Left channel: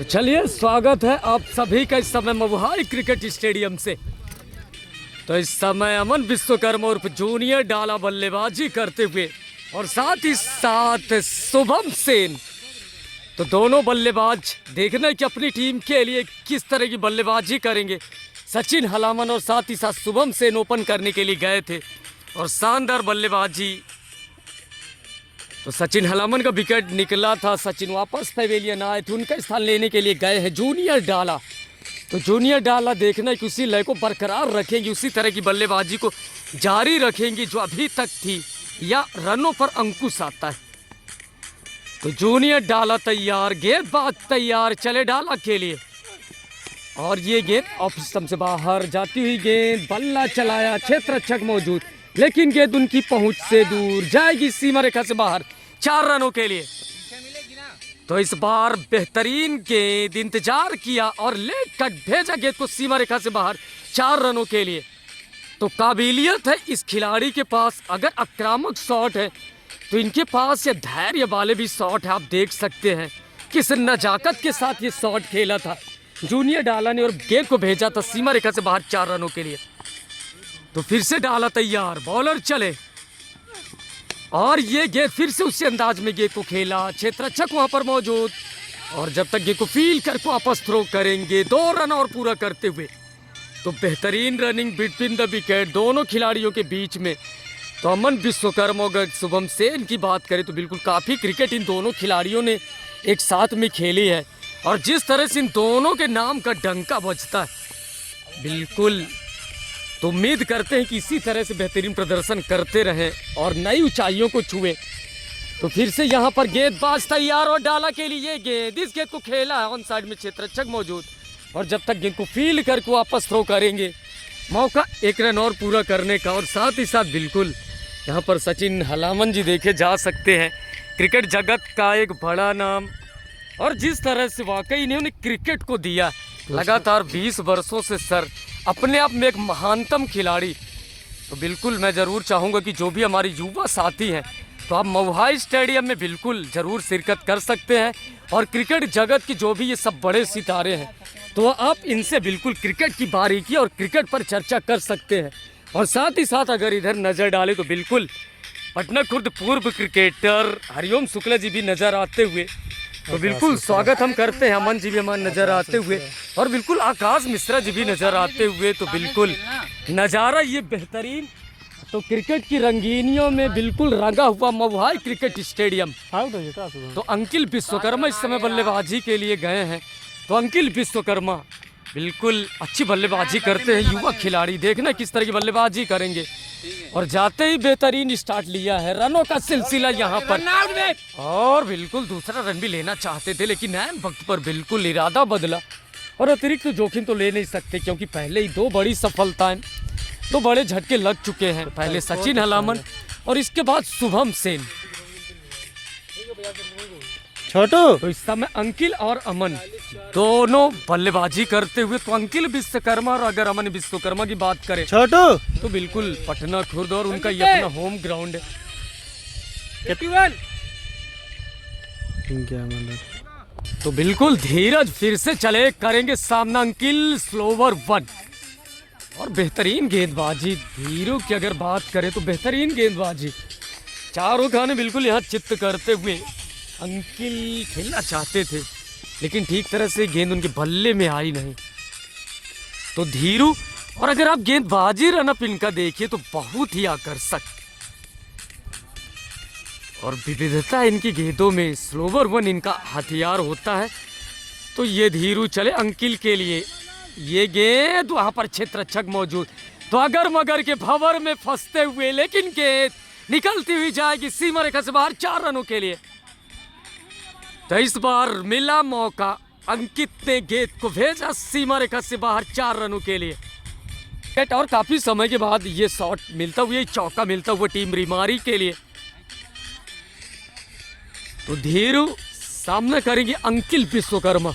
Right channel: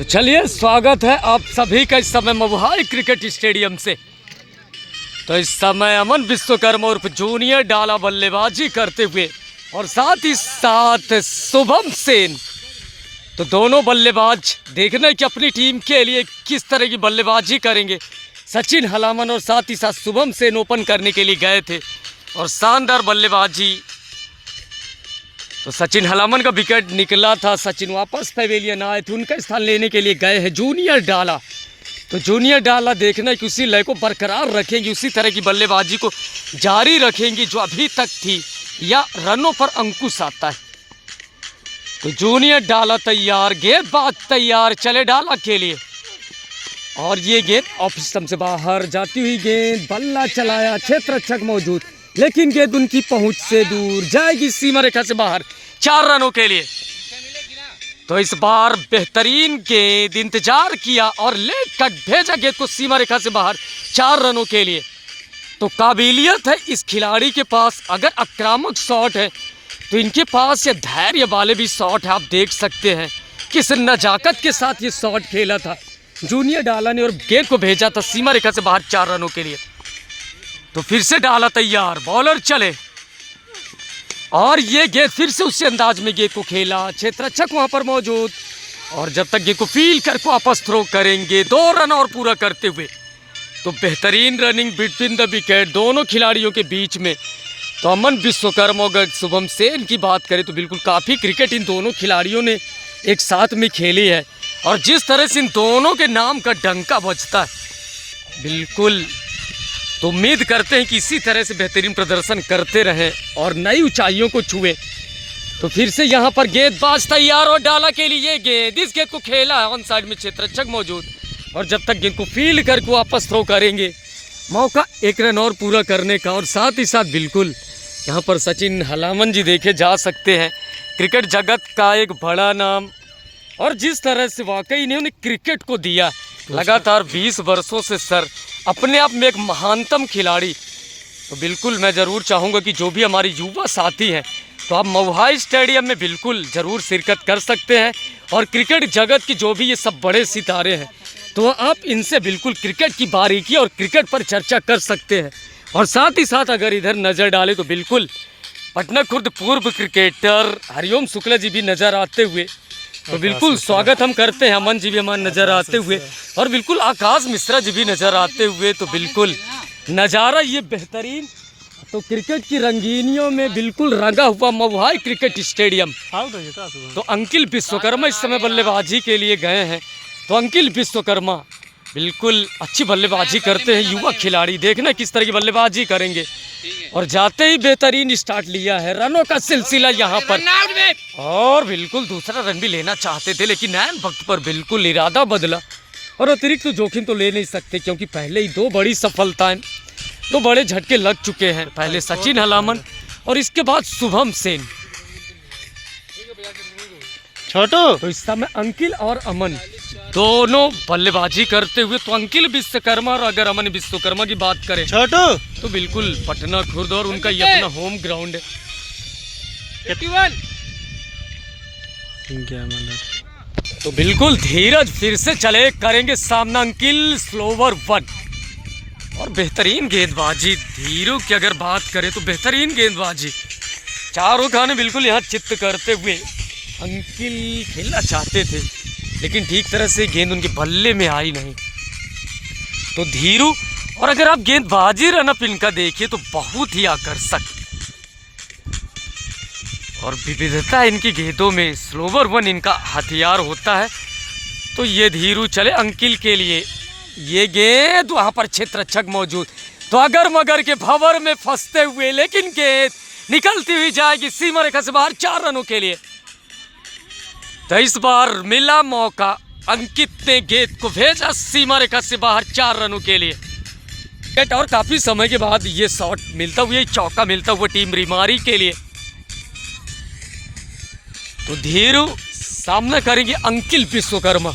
तो चलिए स्वागत है आप सभी का इस समय मवहाई क्रिकेट स्टेडियम से। तो इस समय अमन विश्वकर्मा उर्फ जूनियर डाला बल्लेबाजी करते हुए और साथ ही साथ शुभम सेन, तो दोनों बल्लेबाज देखना कि अपनी टीम के लिए किस तरह की बल्लेबाजी करेंगे। सचिन हलामन और साथ ही साथ शुभम सेन ओपन करने के लिए गए थे और शानदार बल्लेबाजी। तो सचिन हलामन का विकेट निकला था, सचिन वापस पवेलियन आए थे, उनका स्थान लेने के लिए गए हैं जूनियर डाला। तो जूनियर डाला देखना कि उसी लय को बरकरार रखेंगे, उसी तरह की बल्लेबाजी को जारी रखेंगी जो अभी तक थी, या रनों पर अंकुश आता है। तो जूनियर डाला तैयार, गेंदबाज तैयार, चले डाला के लिए। और ये गेंद ऑफ स्टंप से बाहर जाती हुई गेंद, बल्ला चलाया, क्षेत्र रक्षक मौजूद, लेकिन गेंद उनकी पहुंच से दूर जाएगी सीमा रेखा से बाहर 4 रनों के लिए। तो इस बार बेहतरीन गेंद, इंतजार किया और लेग कट भेजा गेंद को सीमा रेखा से बाहर 4 रनों के लिए। तो काबिलियत है इस खिलाड़ी के पास, अगर आक्रामक शॉट है तो इनके पास ये धैर्य वाले भी शॉट है। आप देख सकते हैं किस नजाकत के साथ ये शॉट खेला था जूनियर डाला ने और गेंद को भेजा था सीमा रेखा से बाहर 4 रनों के लिए। तो फिर से डाला तैयार, बॉलर चले और ये गेंद फिर से उसी अंदाज में गेंद को खेला, क्षेत्ररक्षक वहां पर मौजूद, और जब तक गेंद को फील कर वापस थ्रो करेंगे 2 रन और पूरा करते हुए। तो बेहतरीन रनिंग बिटवीन द विकेट दोनों खिलाड़ियों के बीच में। तो अमन विश्वकर्मा अगर शुभम सेन की बात करें तो बिल्कुल काफ़ी क्रिकेट इन दोनों खिलाड़ियों ने एक साथ में खेली है, और जिस तरह से इन दोनों के नाम का डंका बजता है बिल्कुल, तो उम्मीद करते हैं कि इसी तरह से बेहतरीन प्रदर्शन करते रहें और नई ऊंचाइयों को छुए। तो फिर से यहाँ पर गेंदबाज तैयार और डाला के लिए गेंद, इस गेंद को खेला है ऑन साइड में, क्षेत्ररक्षक मौजूद, और जब तक गेंद को फील करके वापस थ्रो करेंगे मौका 1 रन और पूरा करने का। और साथ ही साथ बिल्कुल यहाँ पर सचिन हलामन जी देखे जा सकते हैं, क्रिकेट जगत का एक बड़ा नाम, और जिस तरह से वाकई इन्होंने क्रिकेट को दिया लगातार 20 वर्षों से सर, अपने आप में एक महानतम खिलाड़ी। तो बिल्कुल मैं ज़रूर चाहूँगा कि जो भी हमारे युवा साथी हैं तो आप मवहाई स्टेडियम में बिल्कुल ज़रूर शिरकत कर सकते हैं, और क्रिकेट जगत के जो भी ये सब बड़े सितारे हैं तो आप इनसे बिल्कुल क्रिकेट की बारीकी और क्रिकेट पर चर्चा कर सकते हैं। और साथ ही साथ अगर इधर नज़र डालें तो बिल्कुल पटना खुर्द पूर्व क्रिकेटर हरिओम शुक्ला जी भी नज़र आते हुए, तो बिल्कुल स्वागत हम करते हैं। अमन जी भी हमारे नज़र आते हुए, और बिल्कुल आकाश मिश्रा जी भी नज़र आते हुए। तो बिल्कुल नज़ारा ये बेहतरीन, तो क्रिकेट की रंगीनियों में बिल्कुल रंगा हुआ मवहाई क्रिकेट स्टेडियम। तो अंकिल विश्वकर्मा इस समय बल्लेबाजी के लिए गए हैं। तो अंकिल विश्वकर्मा बिल्कुल अच्छी बल्लेबाजी करते हैं, युवा खिलाड़ी, देखना किस तरह की बल्लेबाजी करेंगे। और जाते ही बेहतरीन स्टार्ट लिया है, रनों का सिलसिला यहाँ पर, और बिल्कुल दूसरा रन भी लेना चाहते थे लेकिन ऐन वक्त पर बिल्कुल इरादा बदला, और अतिरिक्त तो जोखिम तो ले नहीं सकते क्योंकि पहले ही 2 बड़ी सफलताएं, 2 बड़े झटके लग चुके हैं, पहले सचिन हलामन और इसके बाद शुभम सेन। छोटू तो इस समय अंकिल और अमन दोनों बल्लेबाजी करते हुए। तो अंकिल विश्वकर्मा और अगर अमन विश्वकर्मा की बात करें छोटू तो बिल्कुल पटना खुर्द और उनका ये अपना होम ग्राउंड है। तो बिल्कुल धीरज फिर से चले करेंगे सामना, अंकिल स्लोवर 1, और बेहतरीन गेंदबाजी धीरू की अगर बात करें तो बेहतरीन गेंदबाजी, चारों खाने बिल्कुल यहाँ चित्त करते हुए अंकिल खेलना चाहते थे लेकिन ठीक तरह से गेंद उनके बल्ले में आई नहीं। तो धीरू, और अगर आप गेंदबाजी रनअप इनका देखिए तो बहुत ही आकर्षक और विविधता इनकी गेंदों में, स्लोवर 1 इनका हथियार होता है। तो ये धीरू चले अंकिल के लिए, ये गेंद वहां पर क्षेत्ररक्षक मौजूद, तो अगर मगर के भंवर में फंसते हुए, लेकिन गेंद निकलती हुई जाएगी सीमा रेखा से बाहर 4 रनों के लिए। तो इस बार मिला मौका, अंकित ने गेंद को भेजा सीमा रेखा से बाहर 4 रनों के लिए। और काफी समय के बाद ये शॉट मिलता हुआ, चौका मिलता हुआ टीम रिमारी के लिए। तो धीरू सामना करेंगे अंकिल विश्वकर्मा।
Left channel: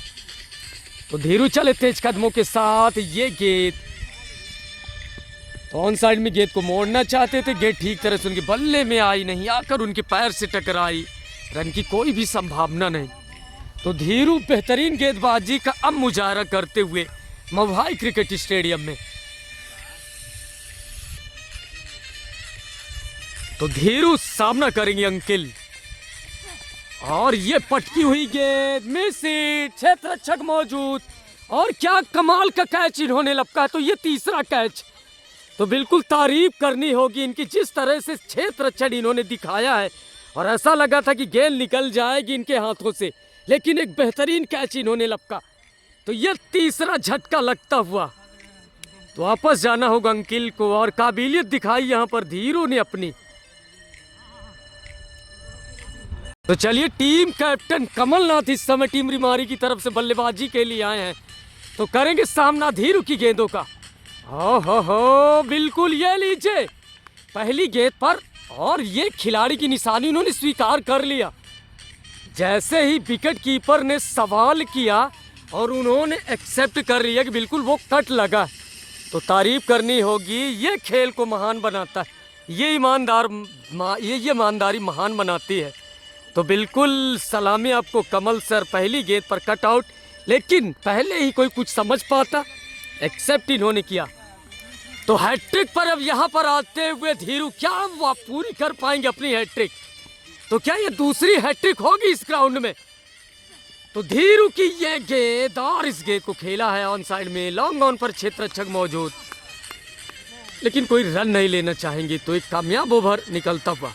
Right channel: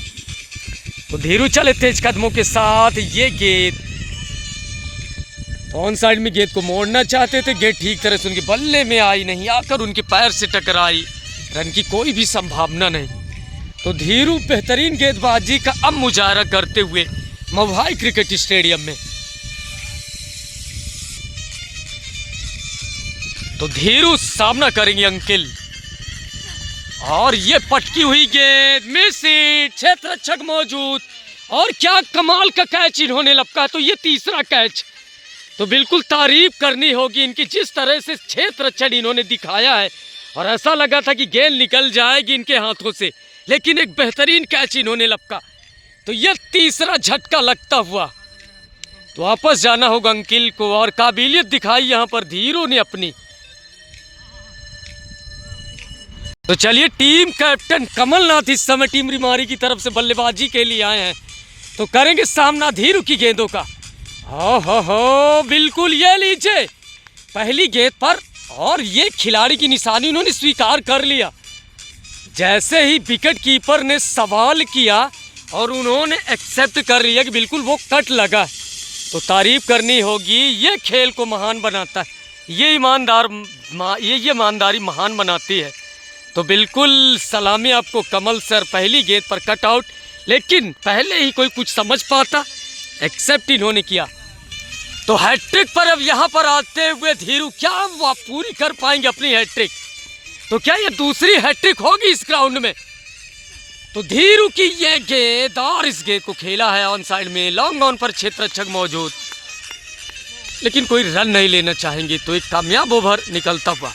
तो धीरू चले तेज कदमों के साथ, ये गेंद ऑन साइड में गेंद को मोड़ना चाहते थे, गेंद ठीक तरह से उनके बल्ले में आई नहीं, आकर उनके पैर से टकराई, रन की कोई भी संभावना नहीं। तो धीरू बेहतरीन गेंदबाजी का अब मुजाहरा करते हुए मवहाई क्रिकेट स्टेडियम में। तो धीरू सामना करेंगे अंकिल, और ये पटकी हुई गेंद मिस हिट, क्षेत्र रक्षक मौजूद, और क्या कमाल का कैच इन्होंने लपका। तो ये तीसरा कैच, तो बिल्कुल तारीफ करनी होगी इनकी, जिस तरह से क्षेत्र रक्षण इन्होंने दिखाया है, और ऐसा लगा था कि गेंद निकल जाएगी इनके हाथों से, लेकिन एक बेहतरीन कैच इन्होंने लपका। तो ये तीसरा झटका लगता हुआ तो वापस जाना होगा अंकिल को, और काबिलियत दिखाई यहाँ पर धीरू ने अपनी। तो चलिए, टीम कैप्टन कमलनाथ इस समय टीम रिमारी की तरफ से बल्लेबाजी के लिए आए हैं, तो करेंगे सामना धीरू की गेंदों का। हो बिल्कुल, ये लीजिए पहली गेंद पर, और ये खिलाड़ी की निशानी उन्होंने स्वीकार कर लिया। जैसे ही विकेट कीपर ने सवाल किया और उन्होंने एक्सेप्ट कर लिया कि बिल्कुल वो कट लगा, तो तारीफ करनी होगी। ये खेल को महान बनाता है, ये ईमानदारी महान बनाती है। तो बिल्कुल सलामी आपको कमल सर, पहली गेंद पर कट आउट, लेकिन पहले ही कोई कुछ समझ पाता, एक्सेप्ट इन्होंने किया। तो हैट्रिक पर अब यहाँ पर आते हुए धीरू, क्या वो पूरी कर पाएंगे अपनी हैट्रिक? तो क्या ये दूसरी हैट्रिक होगी इस ग्राउंड में? तो धीरू की ये गेंद, और इस गेंद को खेला है ऑन साइड में, लॉन्ग ऑन पर क्षेत्र रक्षक मौजूद, लेकिन कोई रन नहीं लेना चाहेंगे। तो एक कामयाब ओवर निकलता हुआ